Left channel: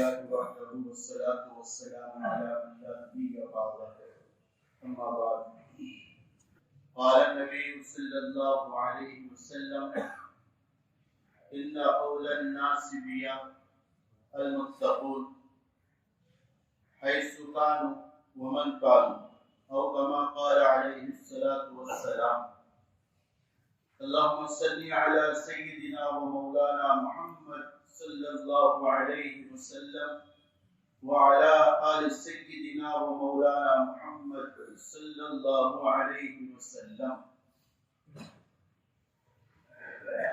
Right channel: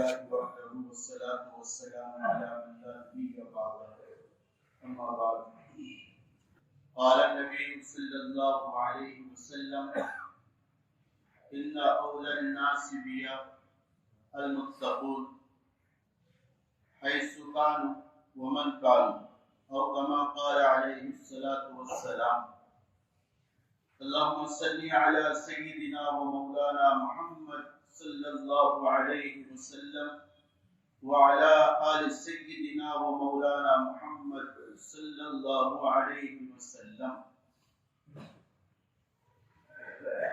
لله وحده والصلاة والسلام على من لا نبي بعده أما بعد قال النبي صلى الله عليه وسلم إن أولى الناس بي المتقون حيث كانوا ومن كانوا أو كما قال عليه الصلاة والسلام اللهم صل على سيدنا ومولانا محمد صلى الله عليه وسلم وعلى آل سيدنا ومولانا محمد صلى الله عليه وسلم.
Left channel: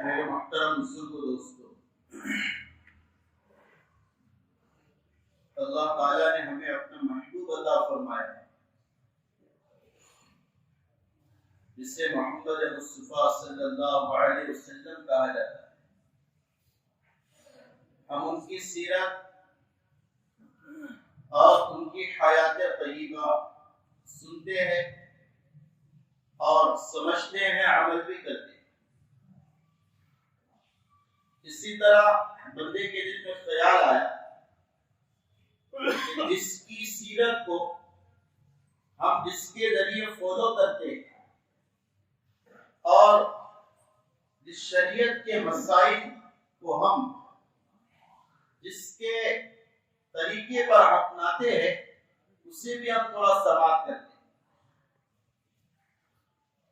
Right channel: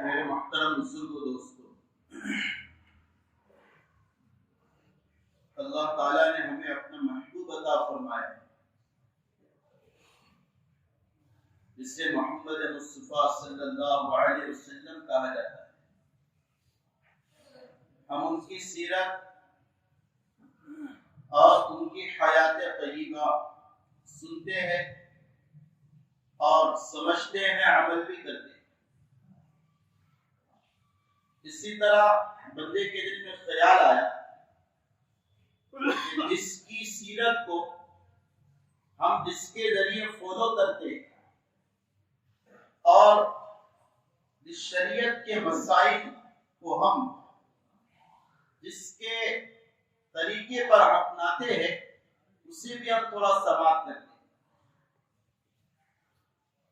میرے محترم بزرگ دوستو، اللہ تعالیٰ نے ہمیں اپنا محبوب عطا فرمایا ہے جسے محمد مصطفیٰ صلی اللہ علیہ وسلم کہا جاتا ہے. ہم ان کی سیرت اور ان کی حیات طیبہ سنتے ہیں اور سمجھتے ہیں، عمل بھی کرتے ہیں. اسی طرح بندے کے دل میں خیال آیا کہ جس کی سیرت کو ہم جس کے ذریعے فالو کرتے ہیں اور جس شریعت کے مسائل کو ہم جس کے طریقے پر اپناتے ہیں اسے بھی ہم تھوڑا سماعت کرتے ہیں.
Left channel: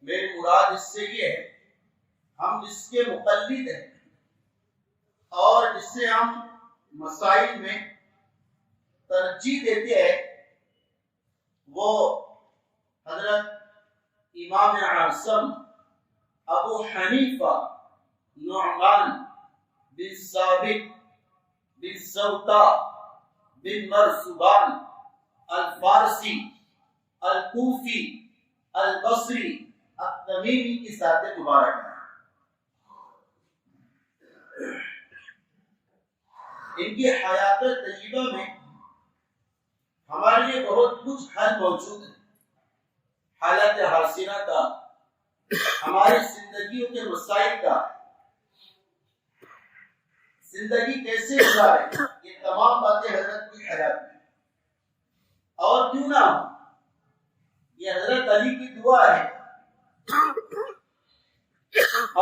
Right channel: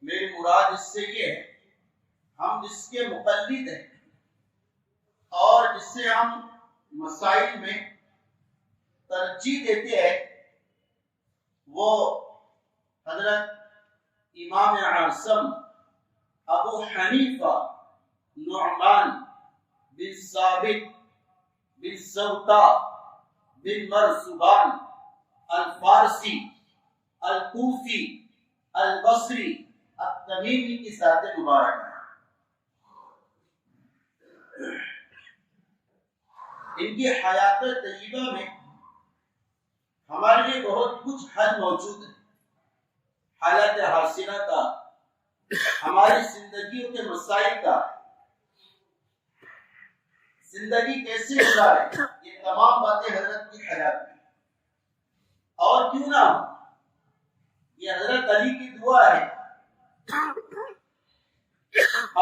میری مراد اس سے یہ ہے ہم جس کے مقلد ہیں اور جسے ہم مسائل میں ترجیح دیتے ہیں وہ حضرت امام اعظم ابو حنیفہ نعمان بن ثابت بن سوتا بن مرزبان الفارسی الکوفی البصری التمیمی کی ذات مبارک ہے. ان کی حیات طیبہ میں ہمارے لیے بہت کچھ حل موجود ہے. حالات حاصلہ کا، ہماری زندگیوں کے مسائل کا، زندگی کیسے گزارے، یہ تمام باتیں حضرت کی حیات میں. اور کیوں نہ یہ حضرت علی کی دعا ہے.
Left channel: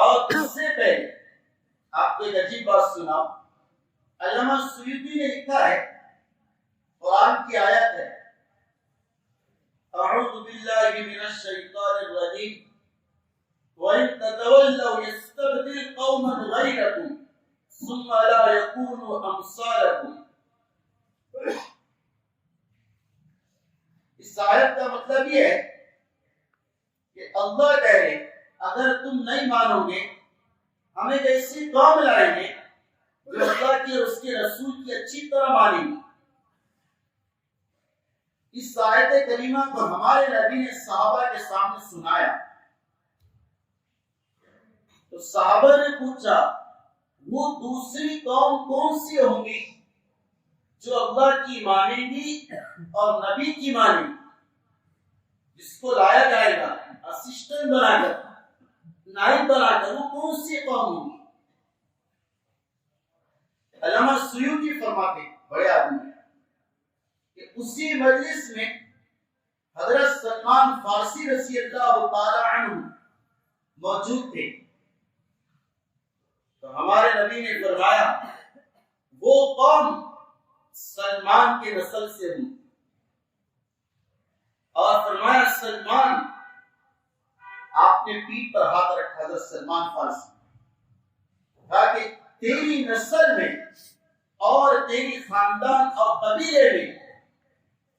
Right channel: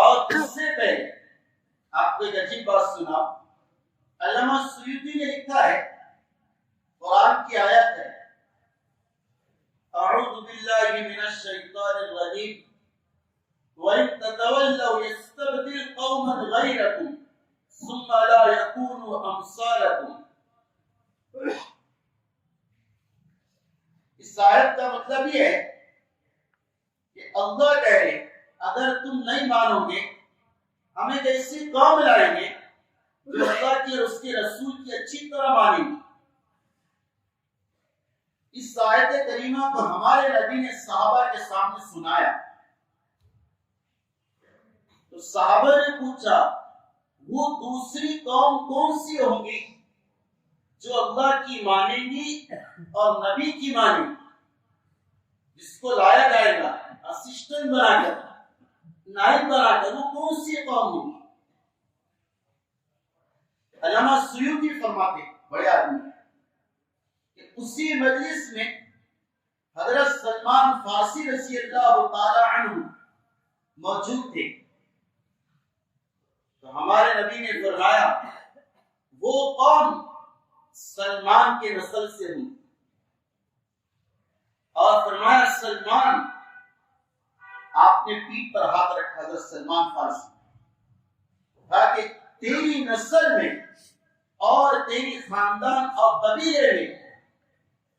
اور اس سے پہلے آپ کو ایک عجیب بات سناؤ. علامہ سیوطی نے لکھا ہے، قرآن کی آیت ہے، اعوذ باللہ من الشیطان الرجیم وَإِن تَتَوَلَّوْا يَسْتَبْدِلْ قَوْمًا غَيْرَكُمْ ثُمَّ لَا يَكُونُوا أَمْثَالَكُمْ. اس آیت کا مطلب یہ ہے کہ اللہ کہہ رہے اگر تم نہیں مانو گے ہم ایک ایسی قوم لائیں گے جو اللہ کی اور اس کے رسول کی اچھی طرح مانیں گے. اس آیت کریمہ کو ہمارے نبی نے صحابہ کے سامنے سنایا تو صحابہ نے پوچھا وہ دوسری قوم کون سی ہوں گی جو اللہ کی مانیں گی اور نبی کی مانیں گی، جس کو لایا جائے گا اسسٹنٹ بنا کر، نائب بنا کر، وہ کون سی قوم ہوگی؟ علامہ سیوطی فرماتے بڑے آدمی کہ اسی مجلس میں حضرت سلمان فارسی رضی اللہ تعالی عنہ موجود تھے. تو ہمارے نبی نے فرمایا وہ قوم سلمان کے نسل سے ہوں، اور فرمایا سلمان، آپ نے پیٹھ پر ہاتھ رکھا حضرت سلمان فارسی، تاکہ تیری نسل میں اور تیری خاندان اور قبیلے میں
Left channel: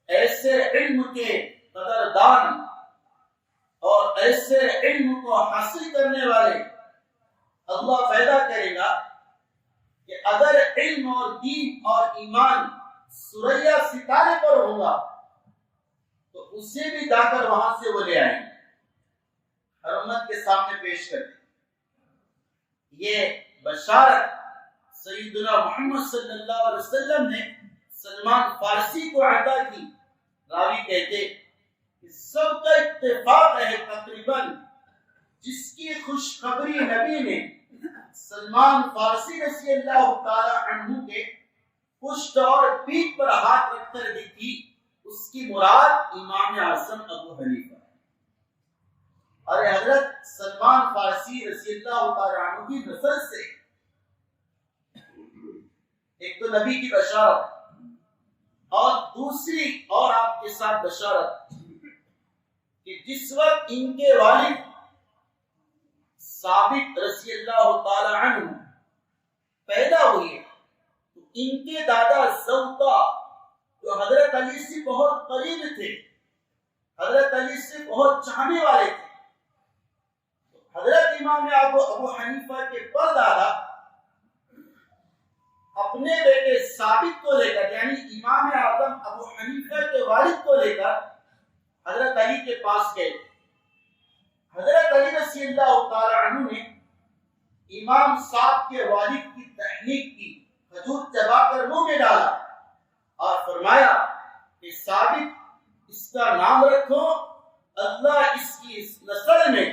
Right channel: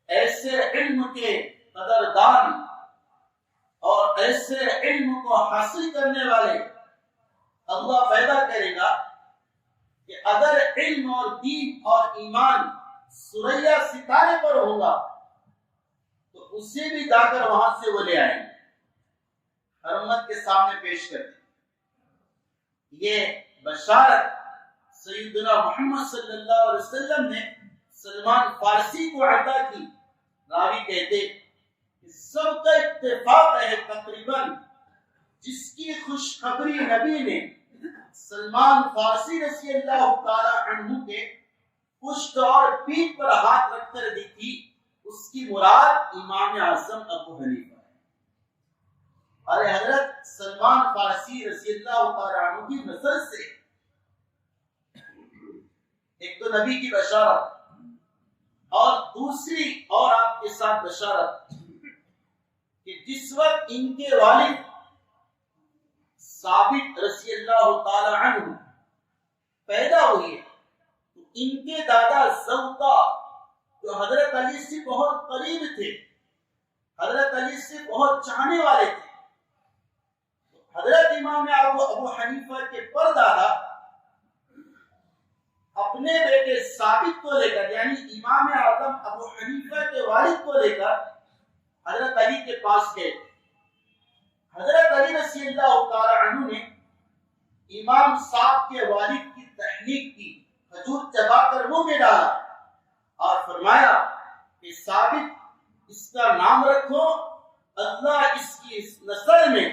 ایسے علم کے قدردان اور ایسے علم کو حاصل کرنے والے اللہ پیدا کرے گا کہ اگر علم اور دین اور ایمان سریا ستارے پر ہوگا تو اسے بھی جا کر وہاں سے وہ لے آئیں گے اور امت کے سامنے پیش کرتے. یہ بشارت سیدنا محمد صلی اللہ علیہ وسلم نے سلمان فارسی کو عطا کی. راوی کہتے کہ سب کا اتفاق ہے تقریباً جس کی خوشخبری نبی نے سلمان فارسی رضی اللہ تعالی عنہ کے پشت اور پیٹھ پر ہاتھ رکھ کر دیکھی، اس کی مراد امام اعظم ابو حنیفہ ہے۔ اور حضرت سلمان فارسی رضی اللہ تعالیٰ عنہ کی نسل سے ایک تو نبی کی بشارت اور دوسری اور آپ کے ساتھ بشارت کہ جس وقت ان کے والد ثابت رضی اللہ تعالی عنہ پیدا ہوئے تو ان کے دادا زوطا جو حضرت علی سے بہت قریب تھے، حضرت علی سے بہت چاہنے والے تھے، حضرت امام ابو حنیفہ کے پردادا اپنے بیٹے ثابت کو لے کر، یعنی امام اعظم ابو حنیفہ کے والد کو لے کر حضرت علی کے پاس گئے۔ حضرت علی رضی اللہ تعالی عنہ نے امام صاحب کے والد کی تحنیک کی، کھجور چبا کر منہ میں ڈالا اور فرمایا کہ ثابت اس کا نام رکھو، اللہ اس کی اس نسل میں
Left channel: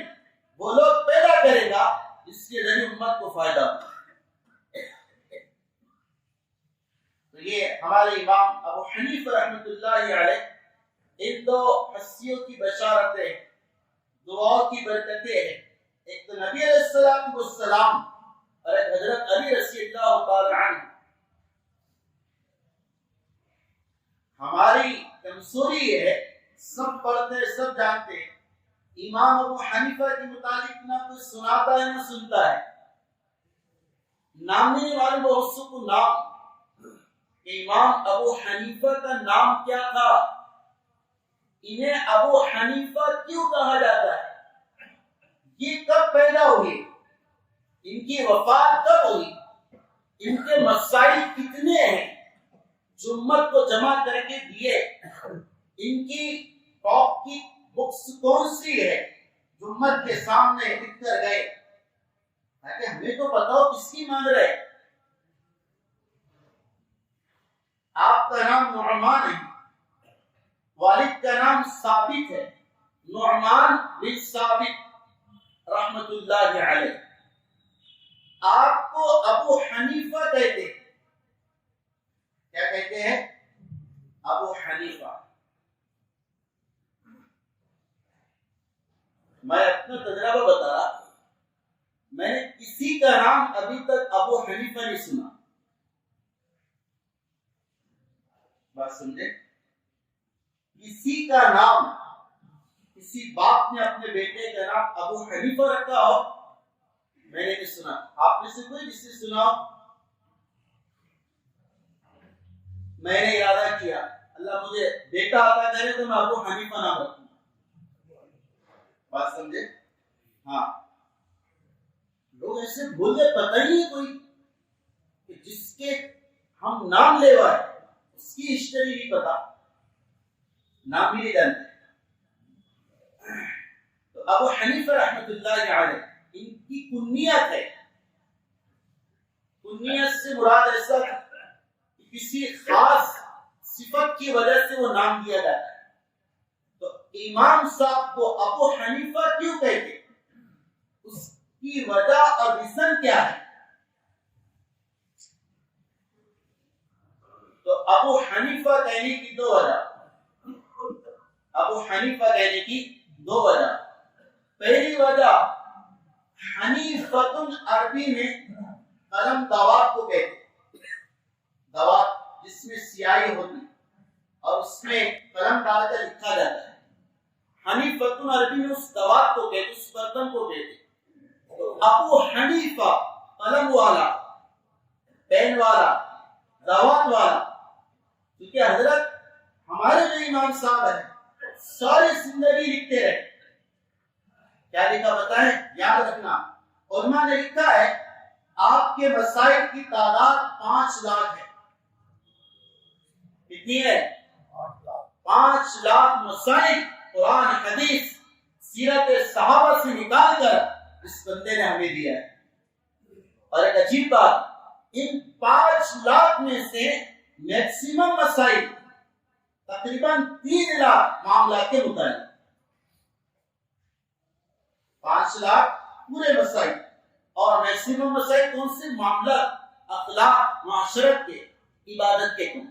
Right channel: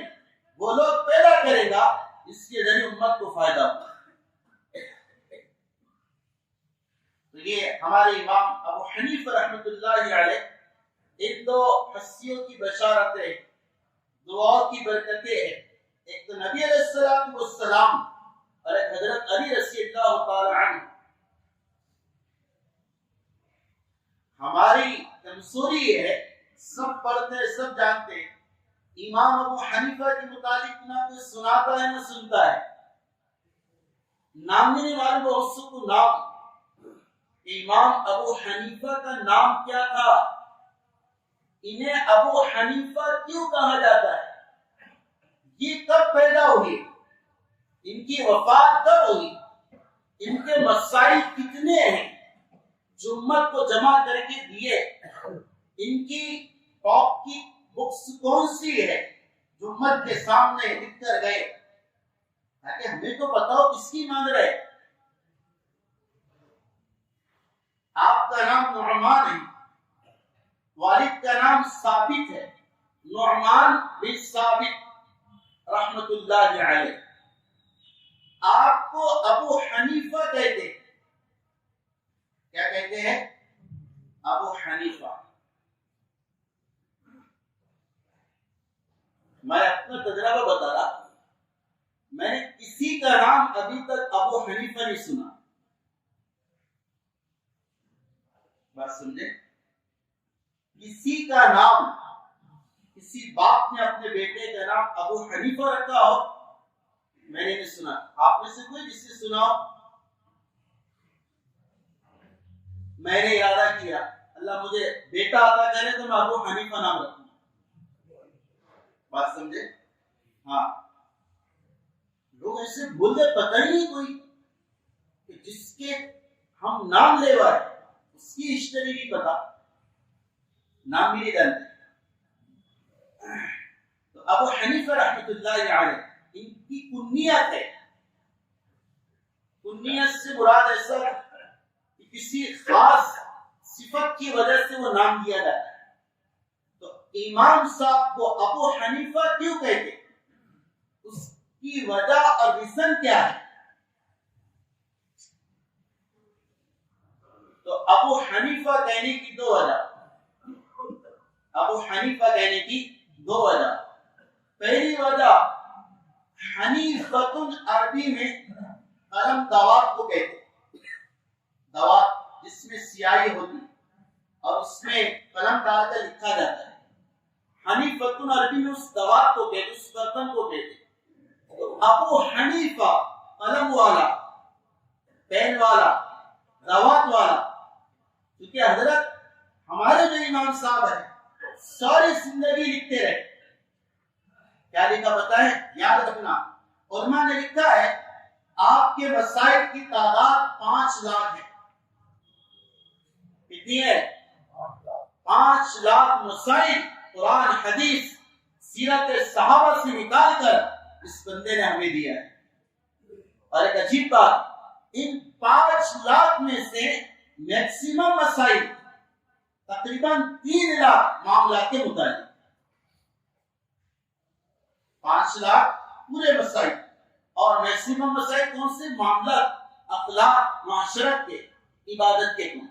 وہ لوگ پیدا کرے گا اس کے ذریعے امت کو فائدہ ہوگا۔ تو یہ ہمارے امام ابو حنیفہ رحمۃ اللہ علیہ ان دو ہستیوں کی بشارتیں، دعاؤں کی برکتیں ہیں، ایک تو نبی علیہ السلام اور ایک حضرت علی رضی اللہ تعالی عنہ۔ ہماری کمزوری یہ ہے، سب پڑھتے ہیں، سب جانتے ہیں، امام ابو حنیفہ کے متعلق نہ کوئی سناتا ہے نہ سنتا ہے۔ نام لینے والے بہت سے کو نام، امام ابو حنیفہ کا نام کیا تھا، انہیں ابو حنیفہ کیوں کہا جاتا ہے، یہ کب پیدا ہوئے، ان کی وفات کب ہوئی، ان کے مسائل کتنے ہیں جو امت کو جمع کر کے دیے، ان کی ٹاپ کی بکس کون سی ہے جو امت کے سامنے لکھ کر گئے، تاکہ ہمیں تو پتا ہو کس کی مانگ رہے۔ آپ کا نام نعمان ہے، والد کا نام ثابت ہے، نعمان بن ثابت رحمت اللہ علیہ۔ آپ کو ابو حنیفہ کہتے ہیں، کیا کہتے ہیں؟ ابو حنیفہ۔ میں اپنا تجربہ بتا رہا، میں نے کسی کا نام ابھی تک ابو حنیفہ نہیں سنا۔ بات سمجھے؟ کسی کا نام، کسی باپ نے اپنے بیٹے کا نام ابو حنیفہ رکھا ہو میں نے نہیں سنا۔ آپ میں سے کوئی جس نے سنا ہو؟ میں نے ارادہ کیا اللہ مجھے بیٹا عطا کرے تو میں ابو حنیفہ نام رکھوں۔ بات سمجھے؟ ہاں، لوگ ایسے بولتے پتہ ہی نہیں کوئی کہ جس کے ہم نام لے رہے اس کی ہسٹری نہیں پتا، نام بھی نہیں جانتے۔ تو ابو حنیفہ رحمۃ اللہ علیہ ان کی کنیت ہے، کنیت سے مراد ایسا کہ کسی خاص صفت کی وجہ سے وہ نام دیا جاتا ہے۔ تو امام صاحب کو ابو حنیفہ کیوں کہتے، اس کی وجہ اور ریزن کیا ہے؟ تو ابو حنیفہ کہنے کی دو وجہ، ابو حنیفہ کہنے کی دو وجہ۔ پہلی وجہ حنیفۃ عربی میں قلم دوات کو کہتے، دوات جس میں سیاہی ہوتی اور اس میں قلم ڈال کر لکھا جاتا ہے، حنیفۃ عربی میں اس دوات کو کہتے، اس برتن کو کہتے۔ ابو حنیفہ قلم والا، پین والا، دوات والا، کیونکہ حضرت ہمارے جو امام صاحب ہیں ساری زندگی لکھتے رہے۔ کیا لکھا بتائیں؟ یاد رکھنا، علماء نے لکھا ہے آپ کے مسائل کی تعداد 5 لاکھ ہے۔ کتنی ہے؟ 5 لاکھ مسائل قرآن، حدیث، سیرت صحابہ سے نکال کر اس بندے نے ہمیں دیا ہے۔ اور ایک عجیب بات، ان 5 لاکھ میں سے میکسیمم مسائل تقریباً 3 لاکھ معاملات کے متعلق، 5 لاکھ پورے مسائل، اور میکسیمم مسائل کون سے؟ معاملات، اخلاق، معاشرت کے، عبادت کے کیوں؟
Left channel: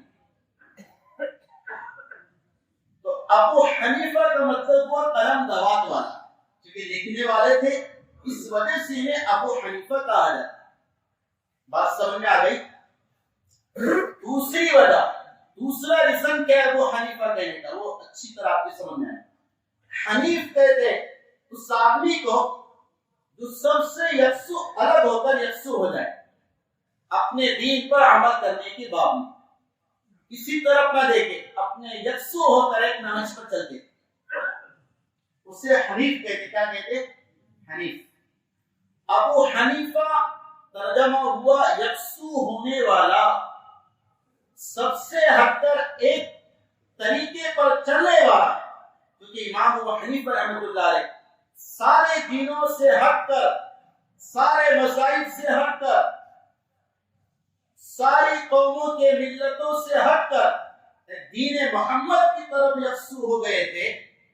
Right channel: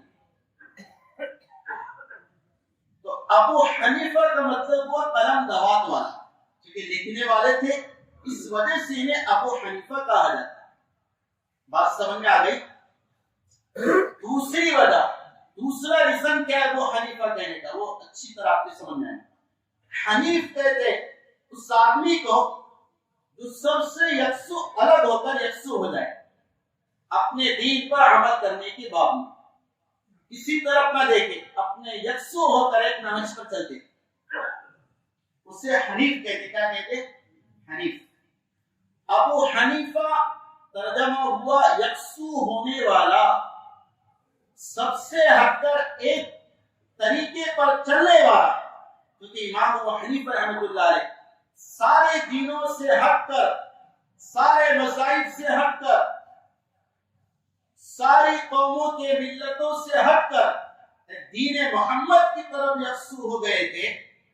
تو ابو حنیفہ کا مطلب وہ قلم دوات والا، کیونکہ لکھنے والے تھے، اس وجہ سے انہیں ابو حنیفہ کہا جاتا ہے۔ بات سمجھ میں آ گئی؟ دوسری وجہ، دوسرا ریزن کیا ہے ابو حنیفہ کہنے کا، وہ اچھی طرح آپ کو سمجھ میں آئے۔ حنیف کہتے اس آدمی کو جو سب سے یکسو الگ ہو کر یکسو ہو جائے اپنے دین پر عمل کرنے کے باوجود، کسی طرف نہ دیکھے، اپنے یکسو ہو کر ایک نہج پر چلتے، اسے حنیف کہتے۔ کیا کہتے؟ حنیف۔ ابو حنیفہ ترجمہ ہوا یکسو ہونے والا، سب سے ہٹ کر ایک طریقے پر چلنے والا، کیونکہ امام ابو حنیفہ رحمۃ اللہ علیہ سارے دینوں سے ہٹ کر، سارے مذاہب سے ہٹ کر، ساری قوموں کے ملتوں سے ہٹ کر دین محمد کی طرف یکسو ہو گئے تھے،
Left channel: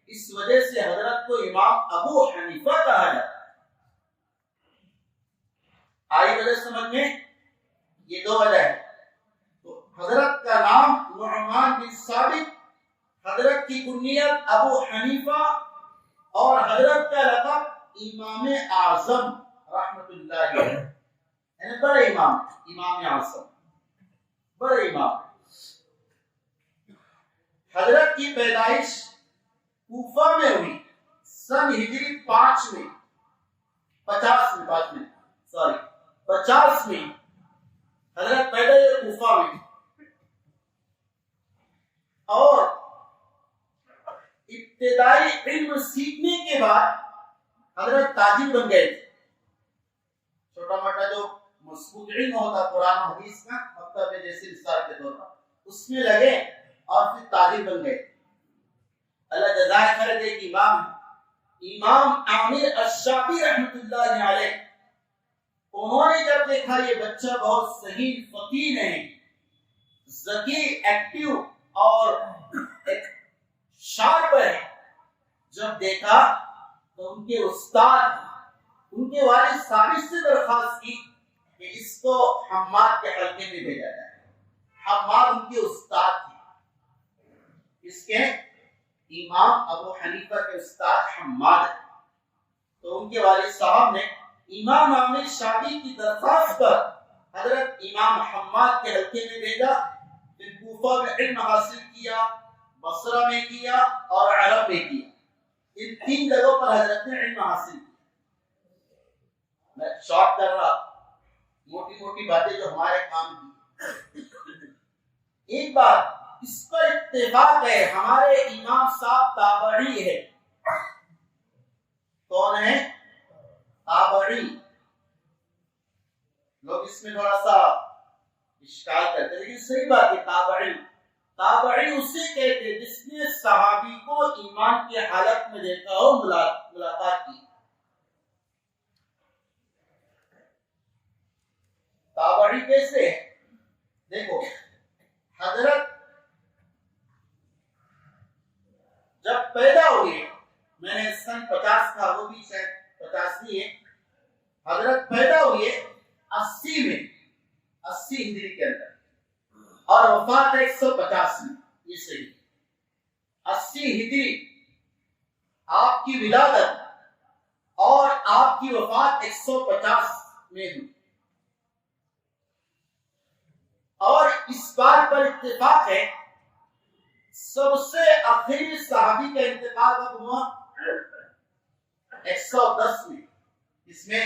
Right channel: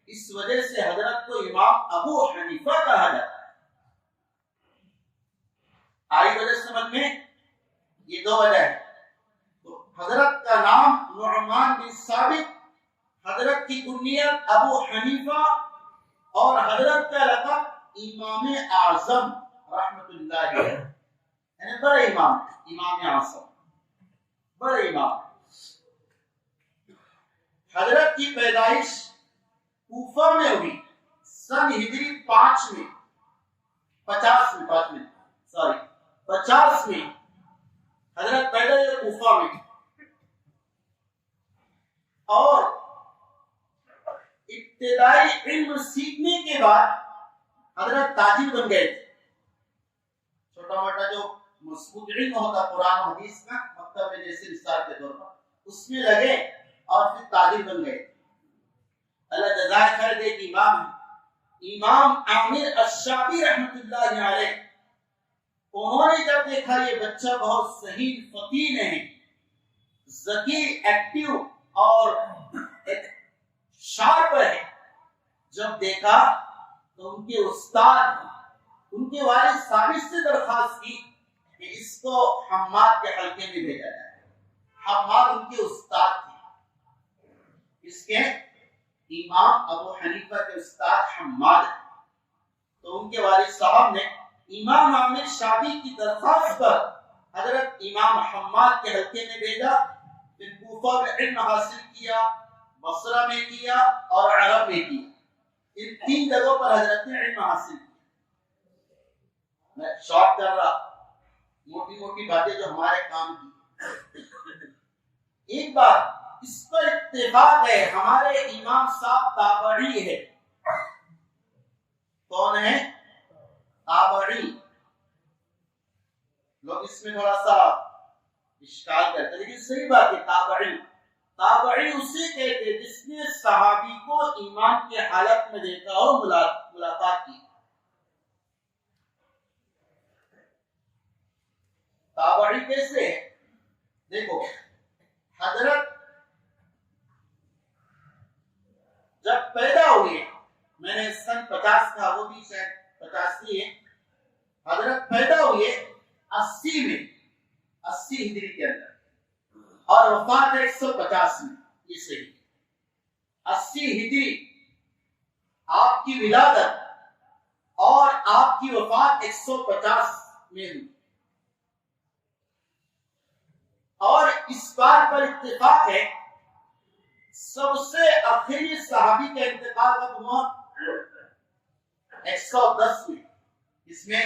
اس وجہ سے حضرت کو امام ابو حنیفہ کہا جاتا ہے۔ آئی وجہ سمجھ میں؟ یہ دو وجہ ہے۔ تو حضرت کا نام نعمان بن ثابت، حضرت کی کنیت ابو حنیفہ، اور حضرت کا لقب امام اعظم رحمت اللہ علیہ، یعنی بڑے امام، امام اعظم، بڑے امام۔ حضرت کی پیدائش کوفہ میں ہوئی سن ہجری 50 میں حضرت پیدا ہوئے کوفہ میں، اور ابتدائی علم سیکھنے کے بعد حضرت تاجر بن گئے تھے۔ چھوٹا موٹا جو مضبوط علم ہوتا قرآن و حدیث کا، مکتب میں جیسے نثار کے طور پر، اس میں لگے اور پھر تاجر بن گئے۔ اللہ جزائے خیر دے کہ امام عامر الشعبی رحمت اللہ علیہ، انہوں نے جب دیکھا یہ بچہ بہت صحیح فطین ہے، ذکی، ایکٹیو اور شارپ ہے، جب دیکھا تو ان کے استاد، ان کے والد ثابت سے درخواست کی کہ اس کو حماد کے حلقے میں بھیجا جائے۔ حماد ان کے استاد تھے، اس کے امام ابو حنیفہ کے استاد حماد ہیں۔ تو ان کے والد صاحب نے امام عامر شعبی کی درخواست پر حضرت امام حماد کے حلقے میں بھیجا، پھر کوفہ میں علم حاصل کیا، بصرہ میں کیا اور عرب میں کیا۔ ان 3 جگہوں پر حضرت نے علم حاصل کیا۔ میں شارٹ کر رہا، موٹی موٹی باتیں جو ہمارے کام کی۔ ایک بات اس پر اتفاق ہے، ہمارے امام صاحب تابعی ہے۔ کون ہے؟ تابعی۔ لوگ اس میں تھوڑا سا اشکال کرتے ہیں، لیکن صحیح بات ہے، تابعی۔ تابعی اسے کہتے ہیں جس نے صحابی کو ایمان کی حالت میں دیکھا ہو، ملاقات کی۔ تابعی کیسے ہے؟ دیکھو، حضرت جب پیدا ہوئے، میں نے سن 50 کا، وہ بھی شاید 85 ہے، حضرت پیدا ہوئے 80 میں، 80 ہجری کے اندر، اور وفات 150 میں، یہ صحیح 80 ہجری آپ کی ولادت اور آپ کی وفات 150 میں ہوئی۔ اور اس بات پر اتفاق ہے، سب سے آخری صحابی کا انتقال کب ہوا؟ 110 میں۔ اس میں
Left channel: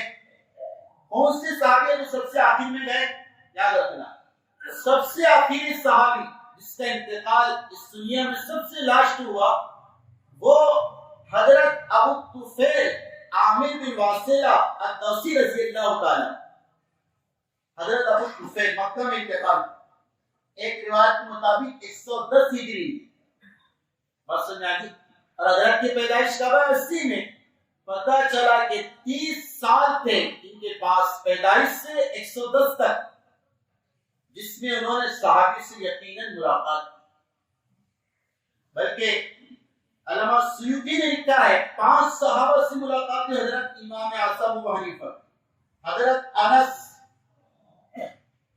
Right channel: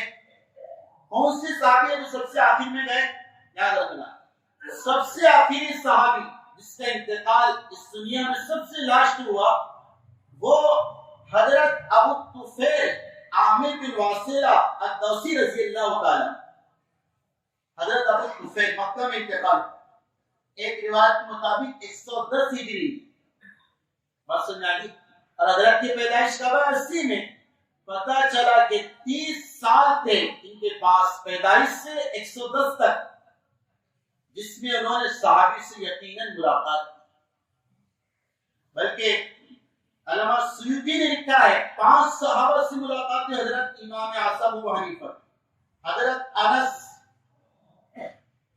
کون سے صحابی جو سب سے آخر میں گئے؟ یاد رکھنا، سب سے آخری صحابی جس کا انتقال اس دنیا میں سب سے لاسٹ ہوا، وہ حضرت ابو طفیل عامر بن واصلہ الدوسی رضی اللہ تعالی۔ حضرت ابو طفیل مکہ میں انتقال، ایک روایت کے مطابق 110 ہجری، بات سمجھ آ گئی۔ اور حضرت کی پیدائش کب ہے؟ 80 میں۔ پتہ چلا کہ 30 سال تھے ان کے پاس، پیدائش سے 110 تک، جس میں انہوں نے صحابی سے یقیناً ملاقات کی۔ بلکہ علامہ سیوطی نے لکھا ہے 5 صحابہ سے ملاقات کی حضرت امام اعظم ابو حنیفہ، حضرت انس،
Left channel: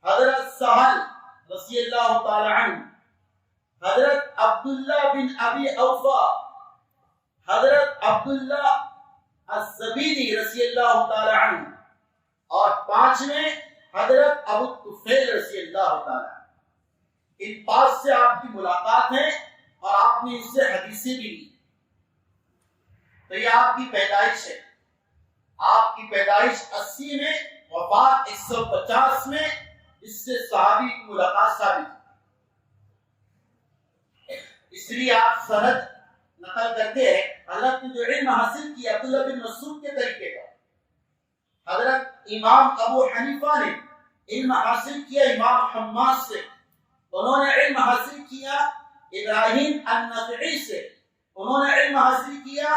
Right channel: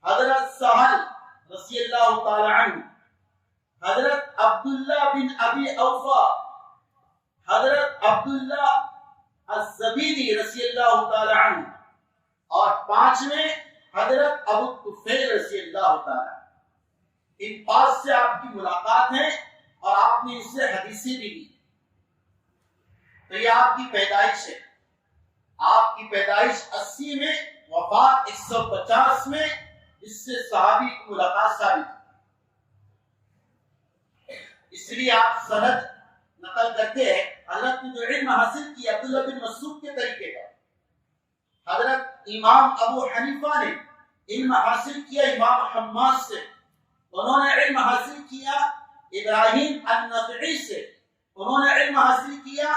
حضرت سہل رضی اللہ تعالی عنہ، حضرت عبداللہ بن ابی اوفا، حضرت عبداللہ الزبیدی رضی اللہ تعالی عنہ، اور پانچویں حضرت ابو طفیل رضی اللہ تعالی عنہ۔ ان پانچ سے آپ کی ملاقات ہے اور آپ نے اس سے حدیثیں بھی لی۔ تو یہ آپ کی پیدائش ہے، آپ کی پیدائش 80 میں، وفات 150 میں، اس سے صحابی کی ملاقات ثابت ہے۔ اس لیے آپ سند نقل کرتے ہیں، حضرت نے جو علم حاصل کیا عبداللہ بن مسعود کے طریقے کا، حضرت امام ابو حنیفہ نے علم حاصل کیا امام حماد سے، انہوں نے علم حاصل کیا ابراہیم النخعی سے، انہوں نے علم حاصل کیا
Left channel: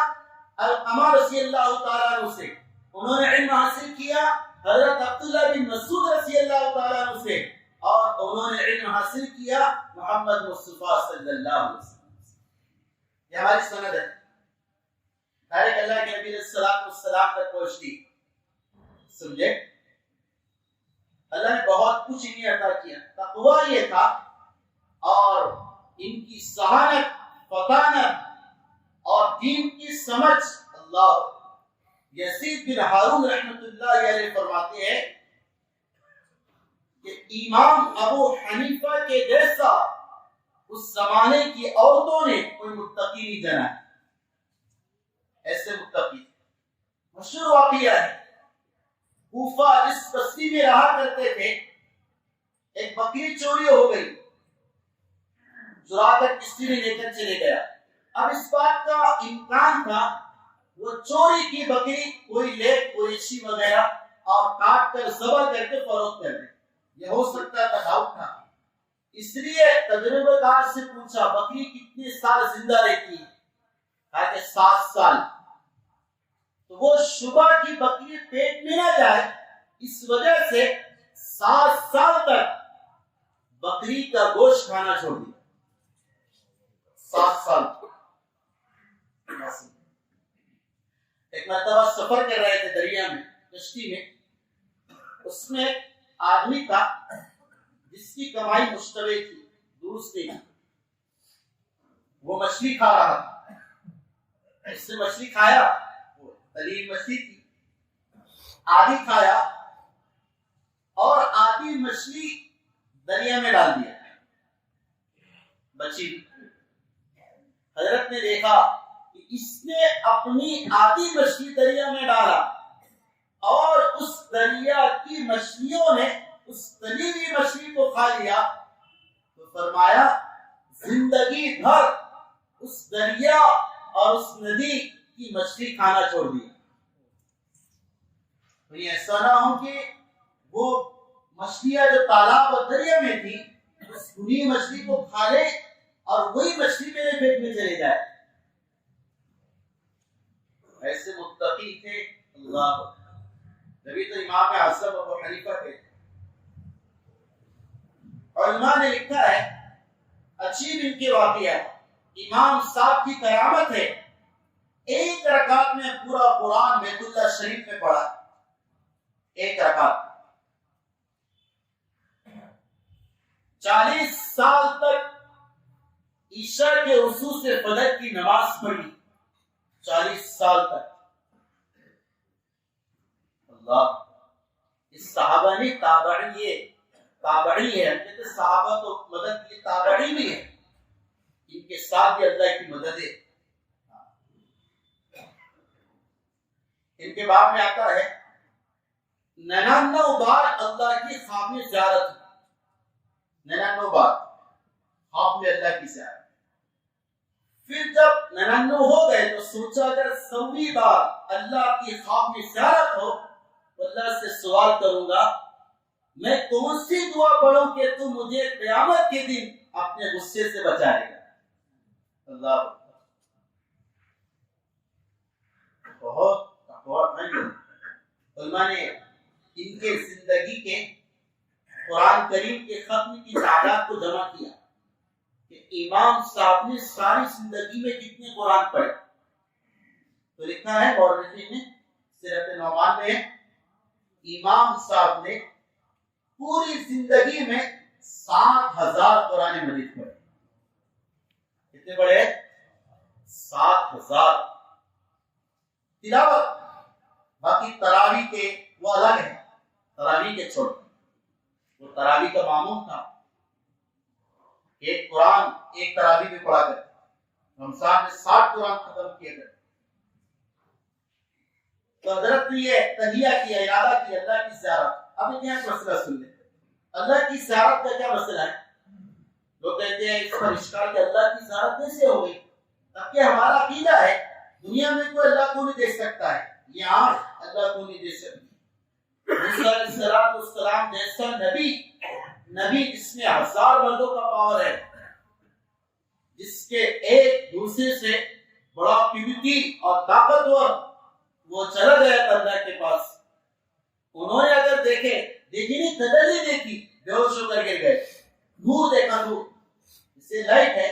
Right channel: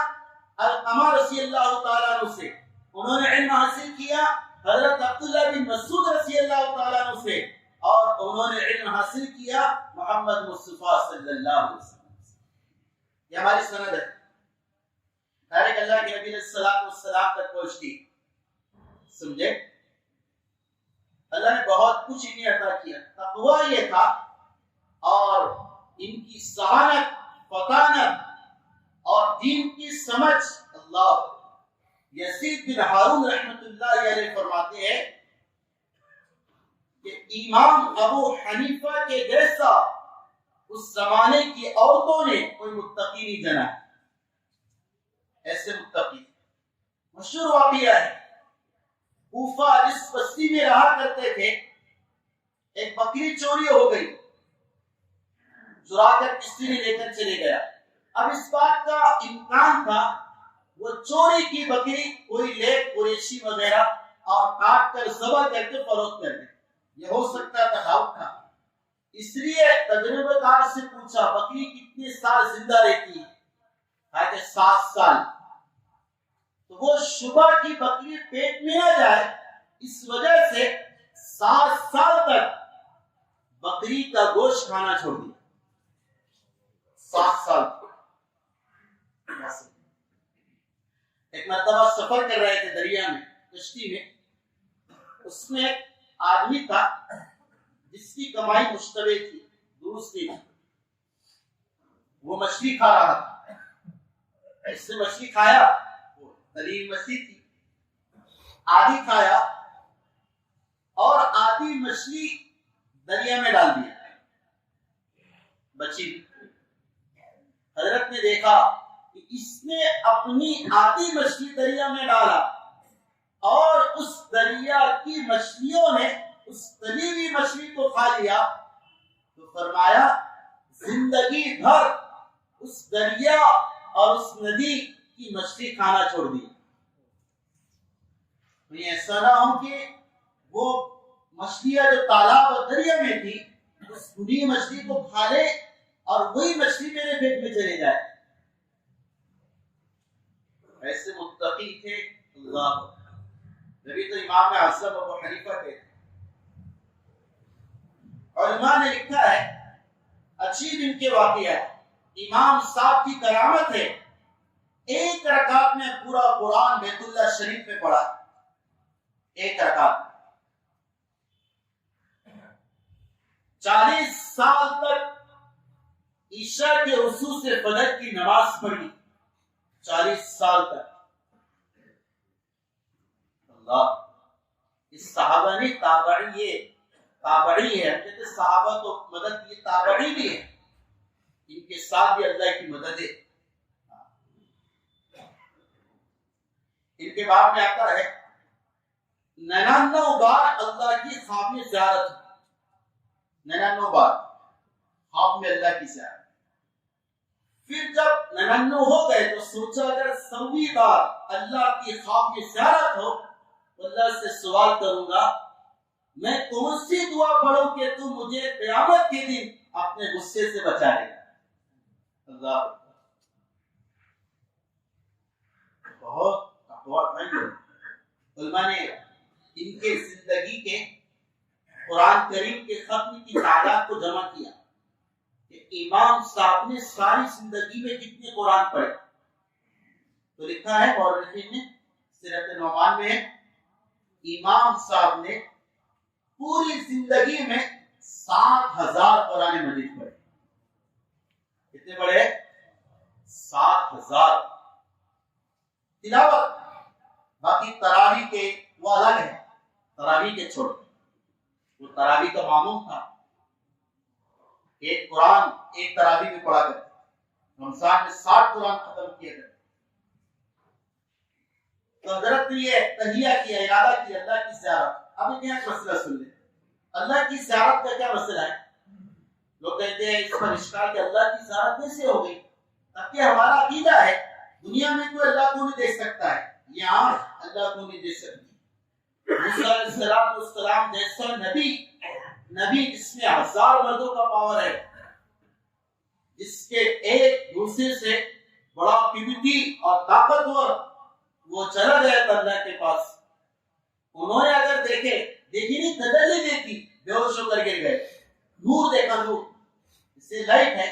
علقمہ رضی اللہ تعالیٰ عنہ سے، انہوں نے علم حاصل کیا حضرت عبداللہ بن مسعود رضی اللہ تعالیٰ عنہ سے، اور انہوں نے علم حاصل کیا محمد مصطفیٰ صلی اللہ علیہ وسلم سے۔ یہ ہماری سند ہے، ڈائریکٹ اللہ کے نبی علیہ السلام تک پہنچتی۔ سمجھے؟ اللہ نے بہت کچھ انہیں عطا کیا، تقوی یہ تھا، اور ان کی ذہانت، فطانت اور دین کی سمجھ۔ اللہ یزید بن ہارون رحمۃ اللہ علیہ فرماتے ہیں کہ امام ابو حنیفہ کے جیسا اس زمانے کی عورتوں نے کوئی متقی نہیں جنا، ایسے متقی۔ مشہور واقعہ ہے، کوفہ جس بستی میں رہا کرتے تھے، ایک بکری چوری ہو گئی، چرا کر کسی نے لے کر چلے گیا۔ اب اس بات کا امکان تھا وہ چوری کی بکری کوئی لے، کوئی اچھی وغیرہ، اور کاٹ کر ذبح کر کے فروخت کر دے، یہ ہو سکتا تھا، ڈاؤٹ تھا۔ اس لیے تجربہ کار سے پوچھا بکری کتنے سال زندہ رہتی ہے؟ کہا کہ 7 سال۔ تو وہ شبہ کی بکری پیٹ میں نہ جائے، اس وجہ سے 7 سال تک بکری کا گوشت کھانا چھوڑ دیا۔ 7 سال۔ ایک مرتبہ سفر کر رہے تھے دریا میں، کشتی میں، اس میں ایک آدمی تھا جس کی کمائی مشتبہ تھی، درست نہیں تھی۔ وہ مچھلی کھا رہا تھا، اس نے مچھلی کھایا، وہ تلیم مچھلی تھی، آدھی کھایا اور آدھی مچھلی دریا میں ڈال دیا، بچی۔ حضرت نے دیکھا کہ اس نے اپنی آدھی مچھلی دریا میں ڈالا اور اس دریا کی مچھلیوں نے اس تلی ہوئی مچھلی کو کھا لیا، تو فرمایا زندگی بھر اس دریا اور اس ندی کی مچھلی کھانا چھوڑ دی۔ تو یہ ایسا نہ ہو کہ وہ مچھلیاں جو تالاب اور دریا میں تھی اس بری مچھلی کو کھا لے اور وہی مچھلی میرے پیٹ میں چلے جائے۔ ایسے متقی تھے اللہ، جبھی تو امام اعظم ابو حنیفہ تھے۔ علماء نے لکھا ہے، عجیب ان کے واقعہ ہے، امام صاحب کی کرامت ہے، ایک رکعت میں پورا قرآن بیت اللہ شریف میں پڑھا، ایک رکعت۔ 40 سال تک عشاء کے رکوع سے فجر کی نماز پڑھی، 40 سال تک۔ اللہ، اس صحابہ نے تابعی ہے، کہتے صحابہ تو مدد کی، تابعی بھی ہے، ان کے ساتھ بھی اللہ کی مدد ہے۔ ان کے باب میں آتا ہے 99 بار اللہ کی خواب میں زیارت، 99 بار خواب میں اللہ کی زیارت۔ پھر جب 99 ہو گئے تو سوچا اگر 100ویں بار اللہ کی خواب میں زیارت ہو تو اللہ سے سوال کروں گا میں کون سی دعا پڑھوں کہ تو مجھے قیامت کے دن اپنے غصے سے بچائے گا۔ اللہ بہت علماء نے ان کے زندگی کے قرآن کریم کے ختم کی تعداد کو جمع کیا کہ امام صاحب نے ساری زندگی میں کتنے قرآن پڑھے۔ تو لکھا ہے مورخین نے، سیرت نعمان میں، امام صاحب نے پوری زندگی میں 7,000 قرآن مجید پڑھے. کتنے پڑھے؟ 7,000 تلاوت. باقی تراویح کے وہ الگ ہے، تراویح کے چھوڑ. وہ تراویح کا معمول تھا، ایک قرآن ایک تراویح میں پڑھا کرتے. رمضان میں 60 قرآن ختم کیے گئے. تو حضرت نے یہ تہیہ کیا، ارادہ کیا اللہ کی زیارت. اب یہاں ایک مسئلہ سن لیں، اللہ کی زیارت کا کیا مسئلہ ہے؟ لوگ کہتے ہیں اس پر اشکال کہ اللہ کی زیارت کیسے ہو گئی؟ تاکہ ہمارا عقیدہ ہے دنیا میں کوئی اللہ کو نہیں دیکھ سکتا ہے، یہ آنکھ اللہ کو نہیں دیکھ سکتی. موسیٰ علیہ السلام جیسا نبی جس میں 1000 مردوں کا پاور ہے، جس کے ایک دوسرے سے بڑا قوتی اور طاقتور، وہ چلا گیا تھا اللہ کے پاس. انہوں نے اگر دیکھی نہیں تجلی دیکھی، بے ہوش ہو کر گر گئے. نور دیکھا، نور اس سے لائٹ ہے،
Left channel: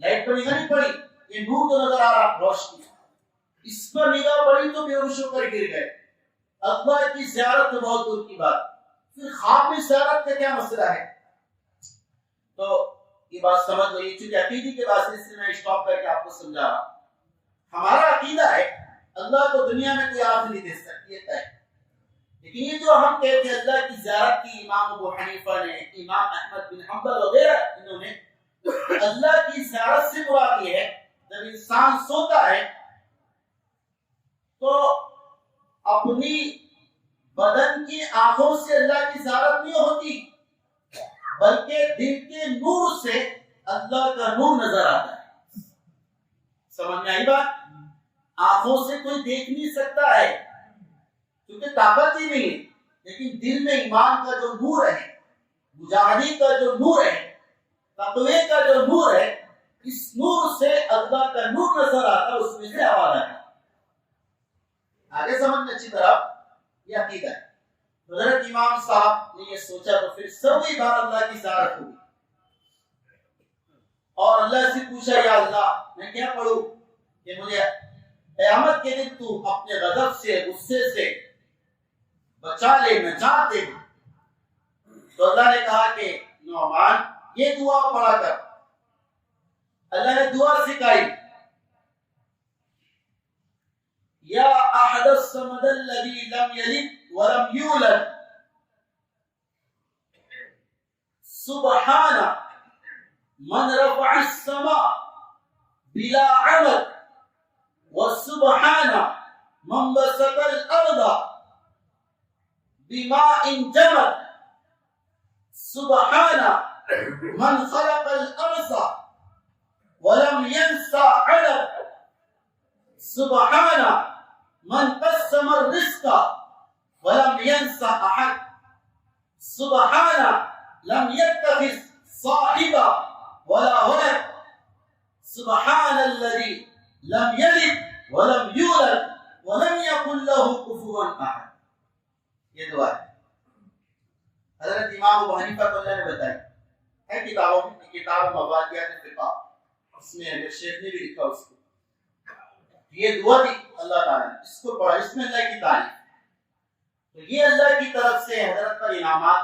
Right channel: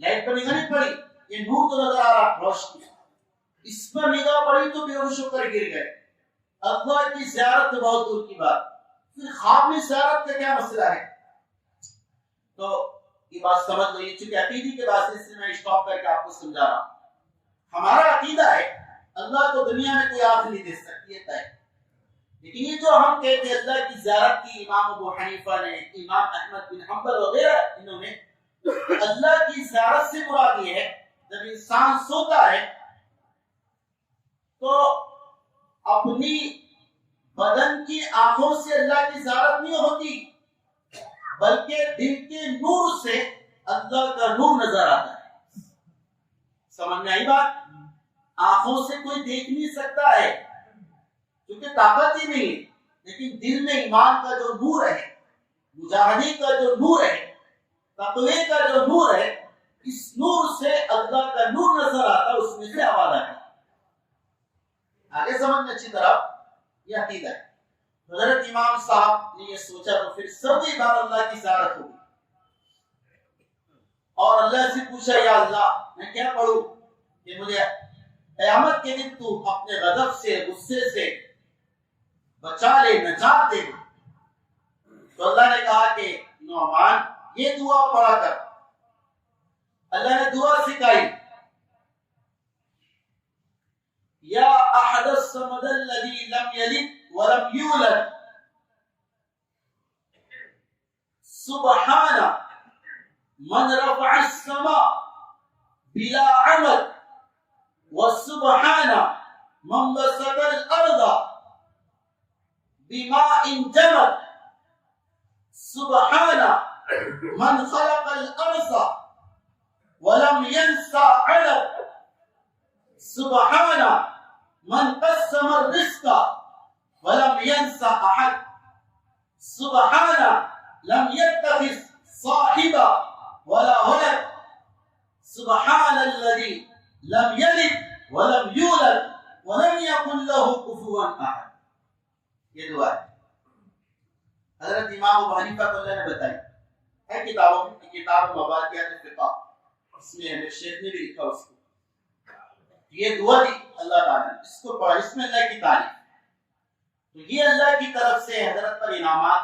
لائٹ پر نگاہ نہیں پڑی، یہ نور تو نظر آ رہا روشنی، اس پر نگاہ پڑی تو بے ہوش ہو کر گر گئے. اللہ کی زیارت تو بہت دور کی بات. پھر خواب میں زیارت کا کیا مسئلہ ہے؟ تو یہ بات سمجھ لو، یہ چونکہ عقیدے کے بات ہے اس لیے میں اسٹاپ کر کے آپ کو سمجھا رہا ہوں. ہمارا عقیدہ ہے اللہ کو دنیا میں کوئی آنکھ نہیں دے سکتی ہے طے. لیکن یہ جو ہم کہتے ہیں اللہ کی زیارت کی، امام ابو حنیفہ نے، امام احمد بن حنبل وغیرہ انہوں نے، اللہ کی زیارت سے مراد یہ ہے جب انسان سوتا ہے تو اپنی بدن کی آنکھوں سے اللہ کی زیارت نہیں ہوتی، بلکہ دل کے نور سے اللہ کا نور نظر آتا ہے. سمجھ میں آئی بات؟ آنکھوں سے کوئی دیکھ نہیں سکتا ہے کیونکہ طاقت ہی نہیں ہے، لیکن دل میں ایمان کا جو نور ہے، مجاہدی کا جو نور ہے، تقوی کا جو نور ہے، اس نور سے اللہ کا نور نظر آتا ہے، اس میں سے آواز آتا ہے. آگے سمجھنا اچھی طرح یہ عقیدہ ہے. حضرت امام صاحب نے یہ سوچا تو پھر سوئی بار اللہ کی زیارت ہوگی اور اللہ سے پوچھا یا اللہ میں کیا پڑھوں کہ مجھے قیامت کے دن تو اپنے غضب سے، غصے سے بچا لے، نجات دے. تو اللہ نے کہا کہ نعمان یہ دعا پڑھا کر. اللہ نے دعا سکھائی، یا احد الصمد الذی لم یلد ولم یولد سبحان من رفع السماء بلا عمد وسبحان من بسط الارض بماء جمد سبحان من خلق الارض ولم ينسى علد سبحان من قسم الرزق ولم ينسى احد سبحان لم يتخذ صاحبا ولا ولد سبحان الذي لم يلد ولم يولد ولم يكن له كفوا احد. یہ دعا ہے حضرت امام ابو حنیفہ کو اللہ نے بتائی ہے کتابوں میں، کتاب مبادیات فقہ، اس میں ہے شیخ نے بھی لکھا اس کو. یہ دعا دی اللہ تعالیٰ نے، اس کو پڑھا، اس میں اللہ کی تعریف. تو یہ اللہ کی طرف سے حضرت پر انعامات.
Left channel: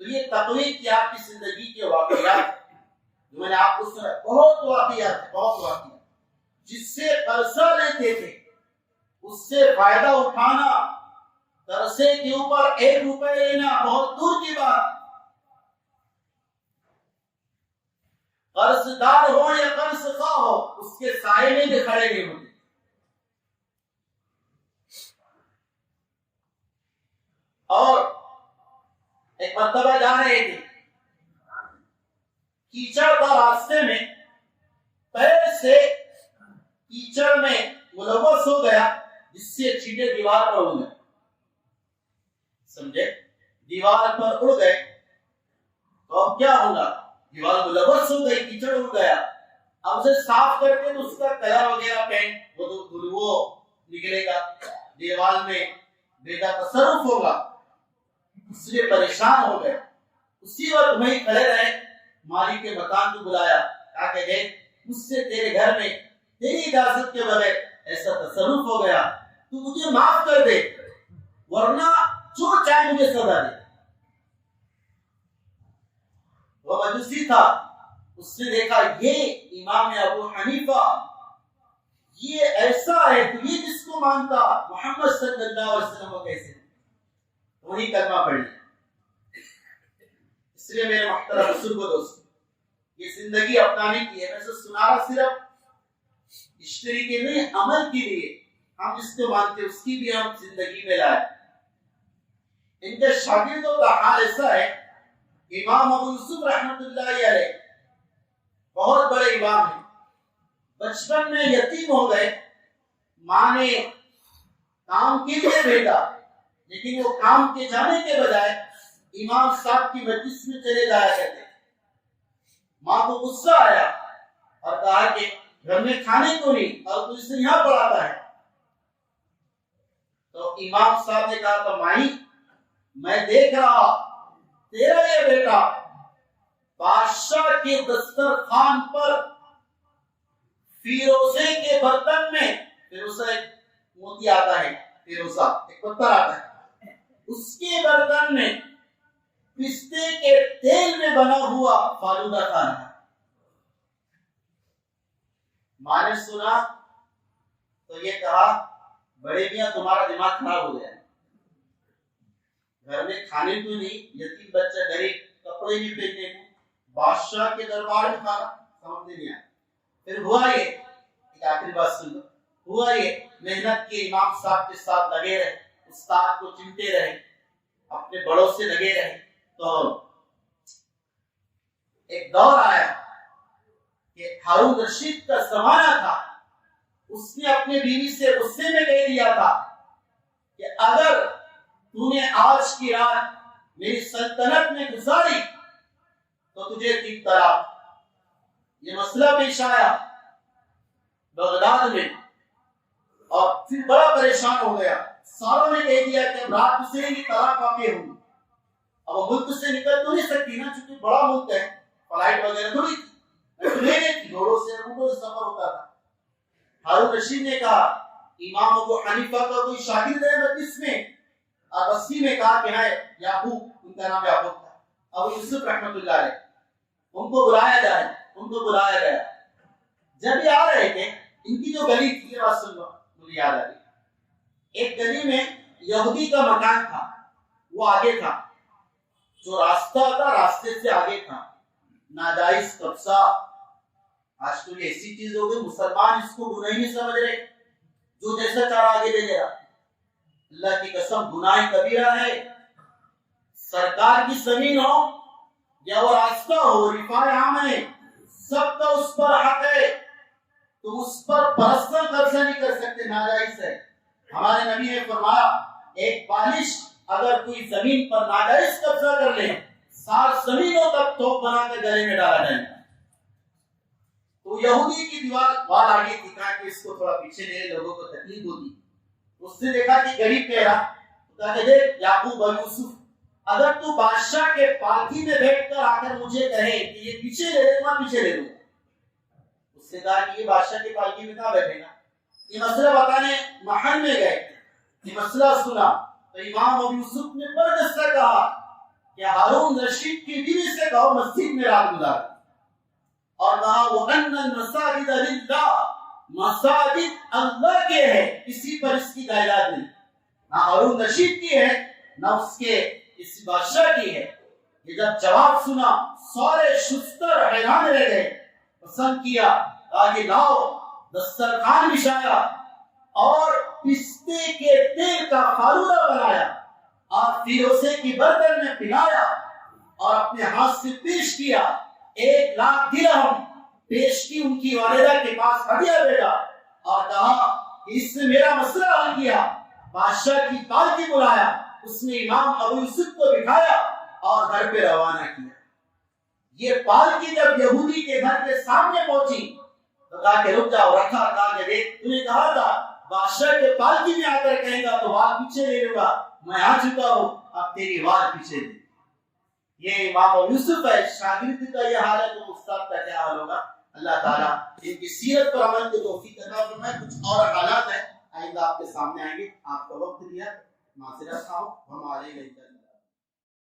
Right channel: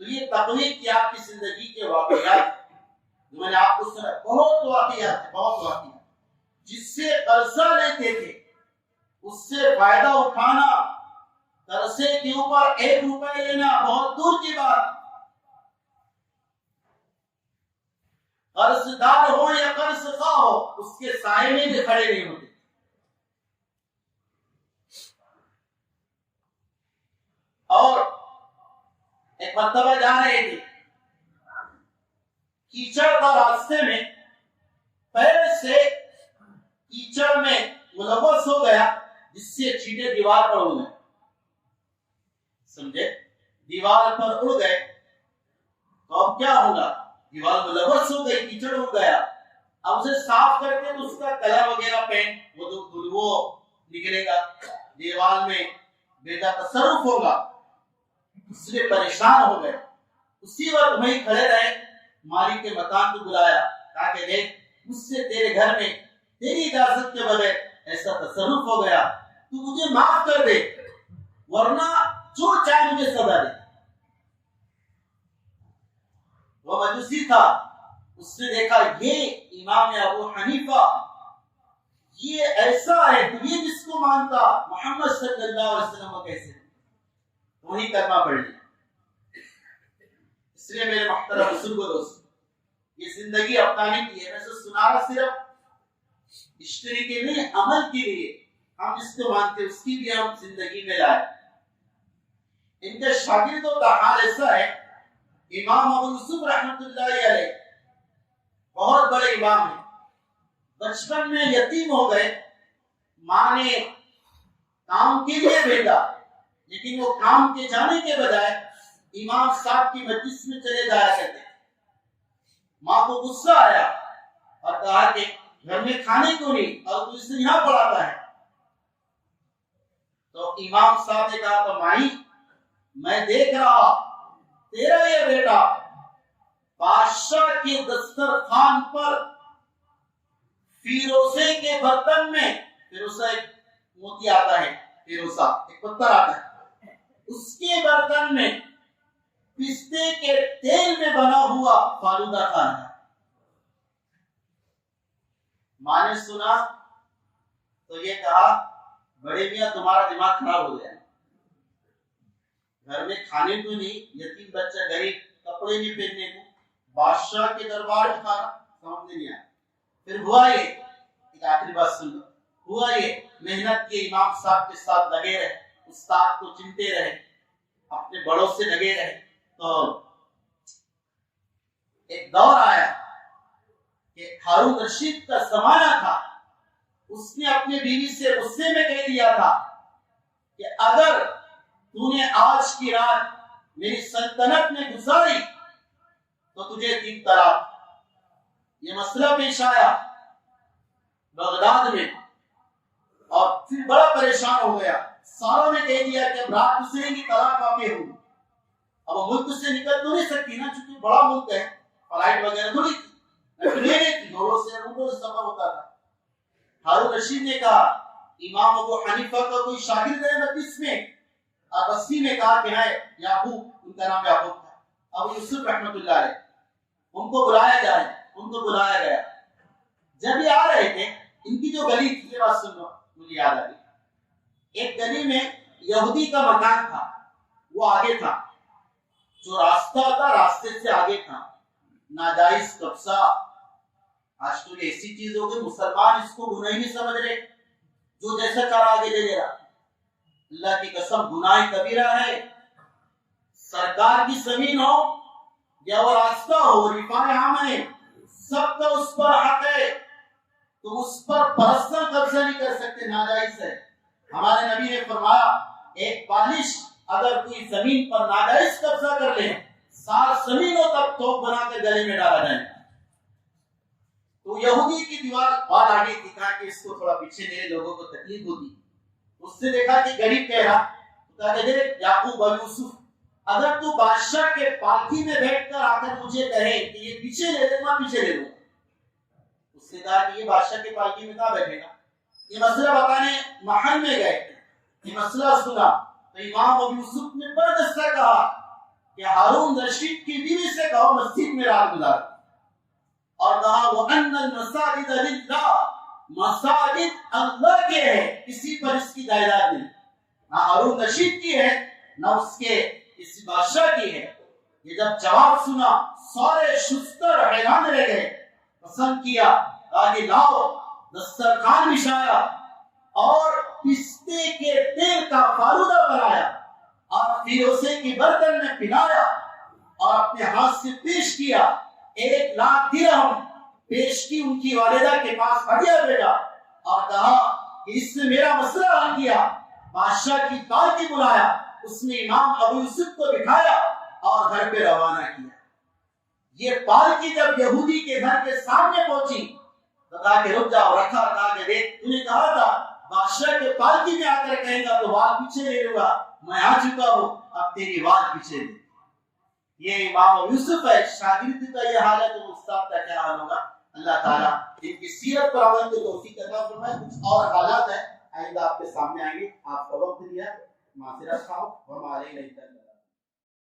تو یہ تقوی کی آپ کی زندگی کے واقعات جو میں نے آپ کو سنا، بہت واقعات، بہت واقعات جس سے قرضہ لیتے تھے اس سے فائدہ اٹھانا، قرضے کے اوپر 1 روپے لینا بہت دور کی بات. قرض دار ہو یا قرض خواہ ہو، اس کے سائے میں بھی کھڑے نہیں ہوتے. اور ایک مرتبہ جا رہے تھے، کیچڑ کا راستے میں پیر سے کیچڑ میں ملوث ہو گیا جس سے چھینٹے دیوار پر اڑ گئے. سمجھے؟ دیوار پر اڑ گئے تو اب کیا ہوگا؟ دیوار ملوث ہو گئی، کیچڑ اڑ گیا. اب اسے صاف کر کے تو اس کا کلر وغیرہ پینٹ وہ نکلے گا، دیوار میں بے تصرف ہوگا. اس لیے پریشان ہو گئے. اسی وقت وہیں کھڑے رہے، مالک کے مکان کو بلایا، کہا کہ دیکھ مجھ سے تیرے گھر میں تیری اجازت کے بغیر ایسا تصرف ہو گیا، تو مجھے معاف کر دے ورنہ جو چاہے مجھے سزا دے. مجوسی تھا، اس نے دیکھا یہ امام ابو حنیفہ یہ ایسا ہے، تو یہ جس کو مانتا محمد صلی اللہ علیہ وسلم کو کیسے؟ وہی کلمہ پڑھ لیا۔ اس لیے میرے محترم بزرگوں دوستو، یہ زندگی اپنانے کی ہے، ویسے سنانا صرف اشتری کے نہیں، عمل کے لیے ہم جس کو مانتے اس کی بھی ہم زندگی میں لائے۔ ان کے شاگردوں کا حال ایسا ہے، امام ابو یوسف رحمۃ اللہ علیہ بہت بڑے امام ہیں، بچپن میں یتیم ہو گئے، ماں نے کام کے لیے بھیجا، لیکن وہ کام کے جانے کے بجائے امام صاحب کی مجلس میں چلے جایا کرتے۔ ماں کو غصہ آیا اور کہا کہ گھر میں کھانے کو نہیں اور تو اسے یہاں پڑھاتا ہے۔ تو امام صاحب نے کہا تو مائی میں دیکھ رہا تیرا یہ بیٹا بادشاہ کے دسترخوان پر فیروزے کے برتن میں، فیروزہ ایک موتی آتا ہے، فیروزہ ایک پتھر آتا ہے، اس کے برتن میں پستے کے تیل میں بنا ہوا فالودہ کھانا ہے۔ ماں نے سنا تو یہ کہا بڑے میاں تمہارا دماغ خراب ہو گیا، گھر میں کھانے کو نہیں، یتیم بچہ غریب کپڑے نہیں پہننے کو، بادشاہ کے دربار میں کھانا، سمجھ نہیں آیا۔ پھر ہوا یہ، ایک آخری بات سن لو، ہوا یہ محنت کے امام صاحب کے ساتھ لگے رہے، استاد کو چنتے رہے، اپنے بڑوں سے لگے رہے، تو ایک دور آیا کہ ہارون رشید کا زمانہ تھا، اس نے اپنی بیوی سے غصے میں کہہ دیا تھا کہ اگر تو نے آج کی رات میری سلطنت میں گزاری تو تجھے 3 طلاق۔ یہ مسئلہ پیش آیا بغداد میں اور پھر بڑا پریشان ہو گیا، ساروں نے کہہ دیا کہ اب رات سے ہی طلاق واقع ہوگی، اب وہ ملک سے نکل تو نہیں سکتی نا، چونکہ بڑا ملک ہے، فلائٹ وغیرہ تھوڑی تھی، گھوڑوں سے روڈوں سے سفر ہوتا تھا۔ ہارون رشید نے کہا امام ابو حنیفہ کا کوئی شاگرد ہے مجلس میں، اب اسی میں کہا کہ ہے یعقوب، ان کا نام یعقوب تھا، ابو یوسف رحمۃ اللہ علیہ، ان کو بلایا جائے، ان کو بلایا گیا۔ جب یہ آ رہے تھے، ان کی جو گلی تھی، یہ بات سن لو مجھے یاد آ رہی، ایک گلی میں یہودی کا مکان تھا، وہ آگے تھا، جو راستہ تھا راستے سے آگے تھا، ناجائز قبضہ۔ آج تو یہ ایسی چیز ہو گئی، مسلمان اس کو گناہ نہیں سمجھ رہے، جو جیسا چاہا آگے لے جا۔ اللہ کی قسم گناہ کبیرہ ہے، سرکار کی زمین ہو یا وہ راستہ ہو، رفاع عام ہے، سب کا اس پر حق ہے، تم اس پر پرسنل قبضہ نہیں کر سکتے، ناجائز ہے۔ ہمارے نبی نے فرمایا ایک بالش اگر کوئی زمین پر ناجائز قبضہ کر لے، 7 زمینوں تک توپ بنا کے گلے میں ڈالا جائے گا۔ تو یہودی کی دیوار وال آگے تھی، کہا کہ اس کو تھوڑا پیچھے لے، لوگوں کو تکلیف ہوتی۔ اس نے دیکھا کہ غریب کہہ رہا، کہا کہ دیکھ یعقوب اور یوسف، اگر تو بادشاہ کے پالکی میں بیٹھ کر آ کر مجھے کہے کہ یہ پیچھے لے لے، میں پیچھے لے لوں۔ اس نے کہا کہ یہ بادشاہ کے پالکی میں کہاں بیٹھے گا؟ یہ مسئلہ بتانے محل میں گئے، یہ مسئلہ سنا تو امام ابو یوسف نے بردست سے کہا کہ ہارون رشید کی بیوی سے کہو مسجد میں رات گزار، اور کہا وَأَنَّ الْمَسَاجِدَ لِلَّهِ، مساجد اللہ کے ہیں، کسی پر اس کی جائیداد نہیں، نہ ہارون رشید کی ہے نہ اس کے اس بادشاہ کی ہے۔ یہ جب جواب سنا سارے شستر حیران رہ گئے، پسند کیا، آگے لاؤ، دسترخوان بچھایا اور پستے کے تیل کا فالودہ بنایا اور فیروزے کی برتن میں پلایا اور اپنے ہاتھ سے پیش کیا، 1 لاکھ درہم پیش کی ان کی والدہ کے پاس ہدیہ بھیجا اور کہا کہ اس نے میرا مسئلہ حل کیا۔ بادشاہ کی پالکی بلایا، اس نے امام ابو یوسف کو بٹھایا اور گھر پہ روانہ کیا۔ یہ پالکی جب یہودی کے گھر کے سامنے پہنچی تو کہا کہ رک جاؤ، رکھا، کہا کہ دیکھ تو نے کہا تھا بادشاہ کے پالکی میں آ کر کہے گا تو وال پیچھے لے لوں گا، میں آ چکا ہوں، اب تیری وال پیچھے دے۔ یہ امام ابو یوسف ہے، شاگرد کا یہ حال ہے تو استاد کا کیا حال ہوگا؟ اللہ تعالیٰ ان کی سیرت پر عمل کی توفیق عطا فرمائے۔ کچھ اور حالات ہیں آئندہ آپ کے سامنے آئیں گے، آپ کا وقت دیا، معذرت خواہ ہوں، ہمارے